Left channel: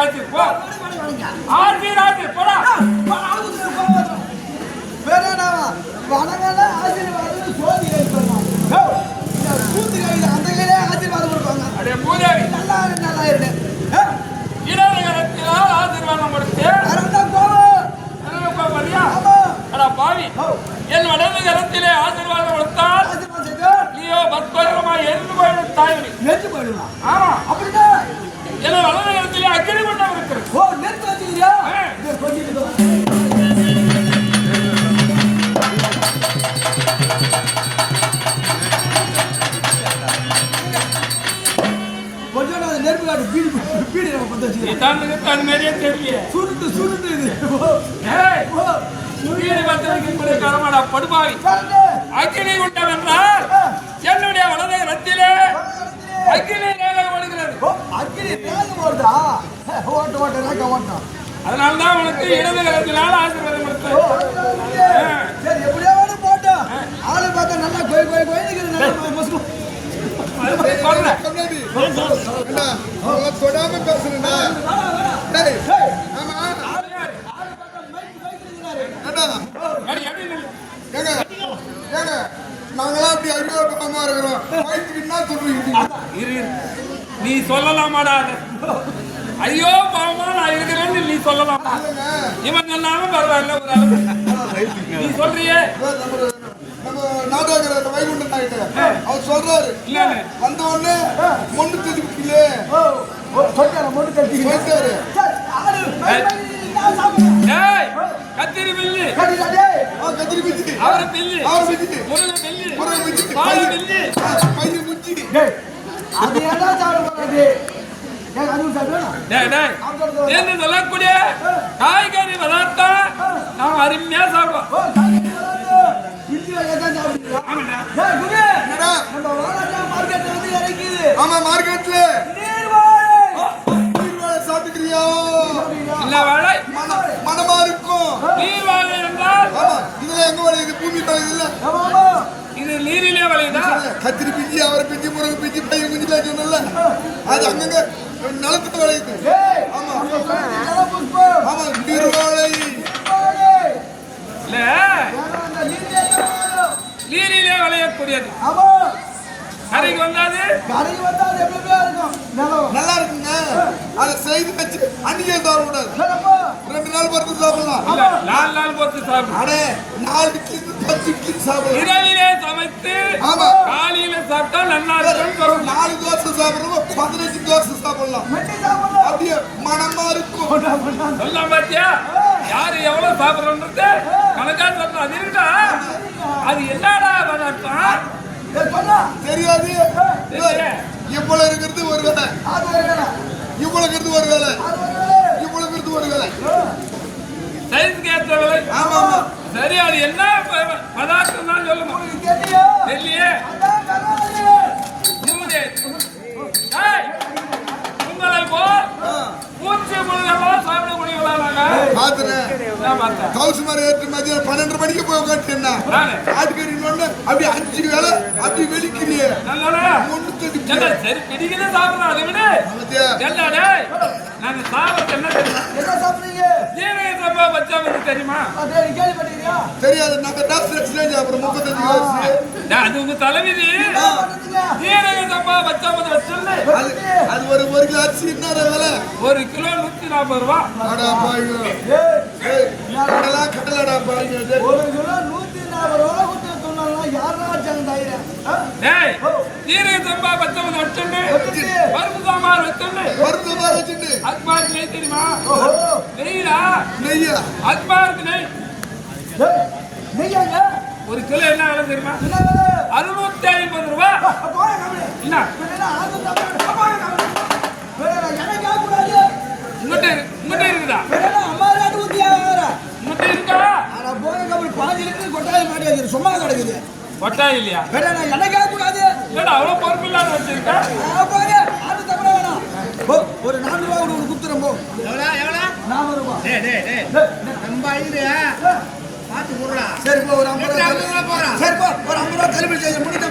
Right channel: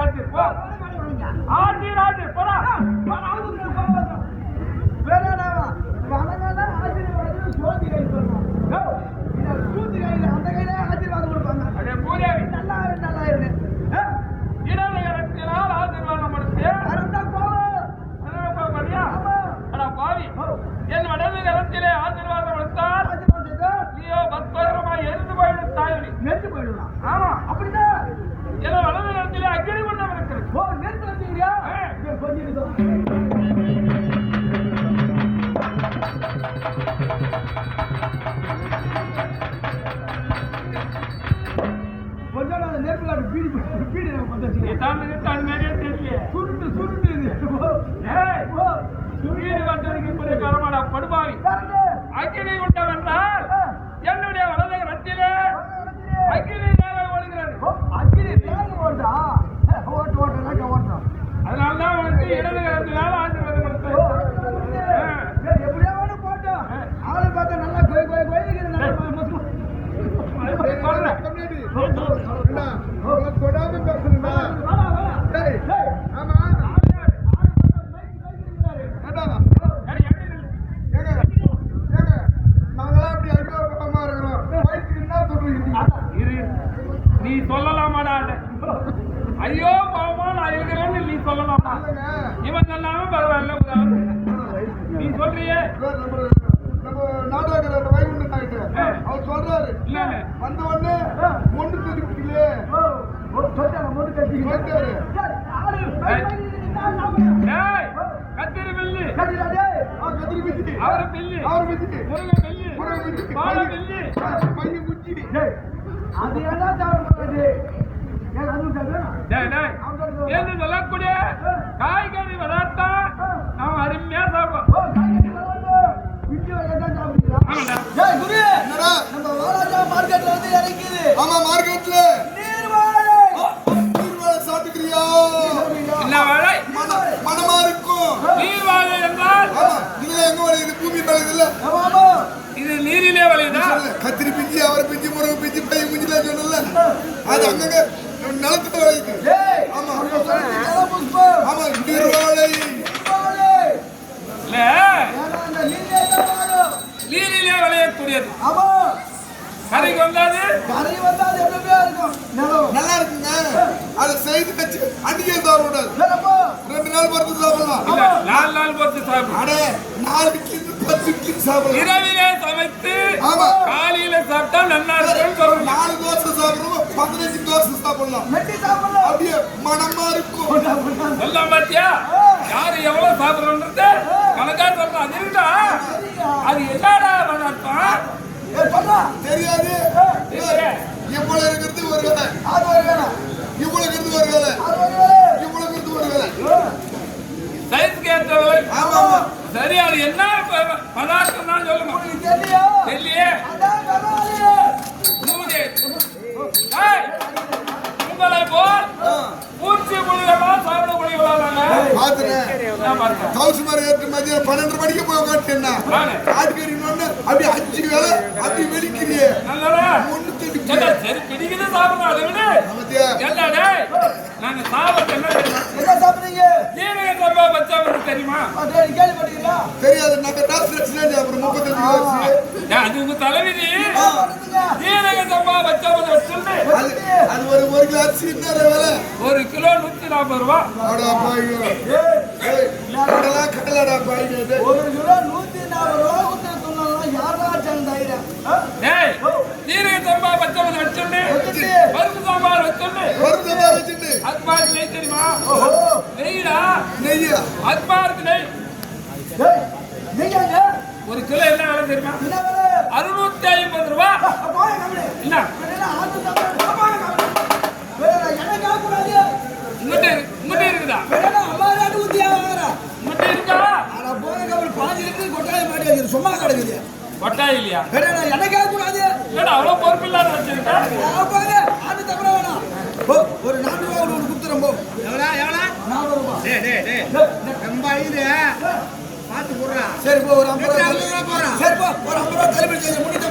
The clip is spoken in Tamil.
ராஜு போ. ஆர்பி ராஜு போடா. வேற என்னவா வணங்கல ஆசீர்வாதம் சோதி ஏற்படலாம். அந்த கையிலே ஆசீர்வாதம் கொடுப்பாங்க. அடே பூதேவி நல்லா இருக்கு. இடது கரத்தினால் ஆசீர்வாதம் கொடுத்து அரண்தான் போவோம். என்ன போறியா? அட பாவி, என் வலது கரத்திலே ஆசீர்வாதம் கொடுத்தால் நீயோ பத்மரமா எரிந்து போயிடும் தாய். நெருப்பு போயிடுமா? ஆமா, அப்படிதான். என்ன வலது கரத்திலே அக்கினி மண்டபம் இருக்கிறது. ஓ, நெருப்பு வச்சுக்கிறியா? கொஞ்சம் நெருப்பு காட்டு பீடி நம்ம பத்த வச்சு அது மாதிரியே தெரியல. சுருட்டு இது. சூரியனை பத்திரிக்கை காலமாடா படுபாவி. அக்கினி விட்டம் என்றால் என்னுடைய வலது கரத்திலே அக்கினி நேரம் வருகிறது. அக்கினி நேரம் வருதா? ஓட்டம். அதனால்தான் உனக்கு இடது கரத்தினால் ஆசீர்வாதம் கொடுத்தேன். எப்படியாவது போட்டோம். ஆளு பார்த்தா நல்லா கோயில் தொடாம பேசுறா. ஆமா நாங்களாம் அப்படி அறிமுகமா இருக்கிறோம். நீ சொல்லலாமாடா? ஐயோ பாவமா நான் இருக்கிறேன்னு நீ சொல்லலாமா? இவன் சொன்னாம பரவாயில்ல, ஒரு அளவு நீ சொல்றியே. நம்ம நாடக அந்த வைகுண்டன் ஆயிட்டு அவர் சொல்றாரு வந்த உடனே மொண்டு தெரிவிக்கல சொல்றாரு. கத்திரி பில்லு கத்திரி பிச்சு அவரை பில்லு முருகன் பில்லு பால பில்லு பையன் குச்சி என்று சொல்லக்கூடிய காய்கறி பதார்த்தம் நாம் அருமையா சாப்பிடுவோம். ஆமா மார்க்கெட்ல சாப்பிட்டுக்கிறியா? மனமா இருக்கும். நீர் வாழை என்றால் ஆமா இதுல எங்க வளையுது? பூமி வளையுது இல்ல, இது நீரிலே வளையுதா? கத்திரி பிஞ்சி அவரை பிஞ்சி முருகை பிஞ்சி பையன் குஞ்சி சொன்னல அது அங்கங்க நிலத்துல வளையுது. ஆமா ஆமா நீர் வாழை இல்ல நீரிலே விளையக்கூடியது. கரைக்கு வந்தாது நல்லா இருக்குங்க. அதை செய்து வச்சு அன்னைக்கே சாப்பிடக்கூடாது. 2 நாள் பொறுத்து சாப்பிடலாம். 4 நாள் பொறுத்து சாப்பிடலாம். அடே 4 இட்லி 10 இட்லி சாப்பிடலாம். இரவிலே சமைத்து ஆமா காலையில சாப்பிட்டா நல்லா இருக்கும். 4 தோசை சாப்பிடுறோம் 15 தோசை சாப்பிடலாம். அப்படியே மனமா இருக்கும். சொல்ல பாத்தியா? யாரு எவ்வளவு சாப்பிடணும் கணக்கா சொல்ற அது இருக்கா? அது என்னடா பதார்த்தம் தெரியாது. இவ்வளவு இருக்கிறது ஒரு வேலை, இவ்வளவு இருக்கிறது ஒரு வேலை, இவ்வளவு இருக்கிறது ஒரு வேலை. சைஸ் கேட்டவரை சரி, அது என்ன பதார்த்தம் தான் சொல்லுங்க. தெரியலையே. உங்களை போல் பூச்சி புள்ளிகள்லாம் சாப்பிடக்கூடியவங்களா கவுசு மரம் ஏற்ற மதியம் 12 மணிக்கு போய் உட்காந்துட்டேன்னா ஆட்டுக்கறி அப்படி 5 வேலை அப்படி வெளிக்கிறியே சரி பிடிக்கிறது சாப்பிடலாம். அதை விட என்னடே நாங்க சாப்பிட என்ன சாப்பிடுறீங்க? ஜீரக சம்பா பச்சா வந்து தெரியுமா? தெரியாது. நாங்க டாக்டர் அப்புறம் 35 வருஷம் அது உங்க தலைவிதி. ஜீரக சம்பா பச்சா வந்து வச்சோன்னு அது ஒரு கிலோ அரிசி என்ன வேலை? 1 கிலோ 140 ரூபா. கடலடா பாய் 1 கிலோ 140 ரூபா ஜீரக சம்பா பச்சை வந்து வச்சோன்னு பருப்பு சாம்பார் வச்சோன்னு அக்பாருக்கு நெய் தெரியுமா? நெய்யா அக்பாருக்கு நெய் 1 கிலோ என்ன விலை தெரியுமா? 650 ரூபா. என்ன உங்கள்கிட்ட இருக்குதா? சும்மா கிடக்குது. கொட்டாய் இல்லையா? அவ்வளவு பொறுப்பு இல்லாத வச்சிருக்கா. ஒரு 4 ரூபா குடுத்துறோம். 400 ரூபாய். சரி ஒரு 50 ரூபா. சரி ஒரு 50 ரூபா தள்ளுபடி செய்ய முடிஞ்ச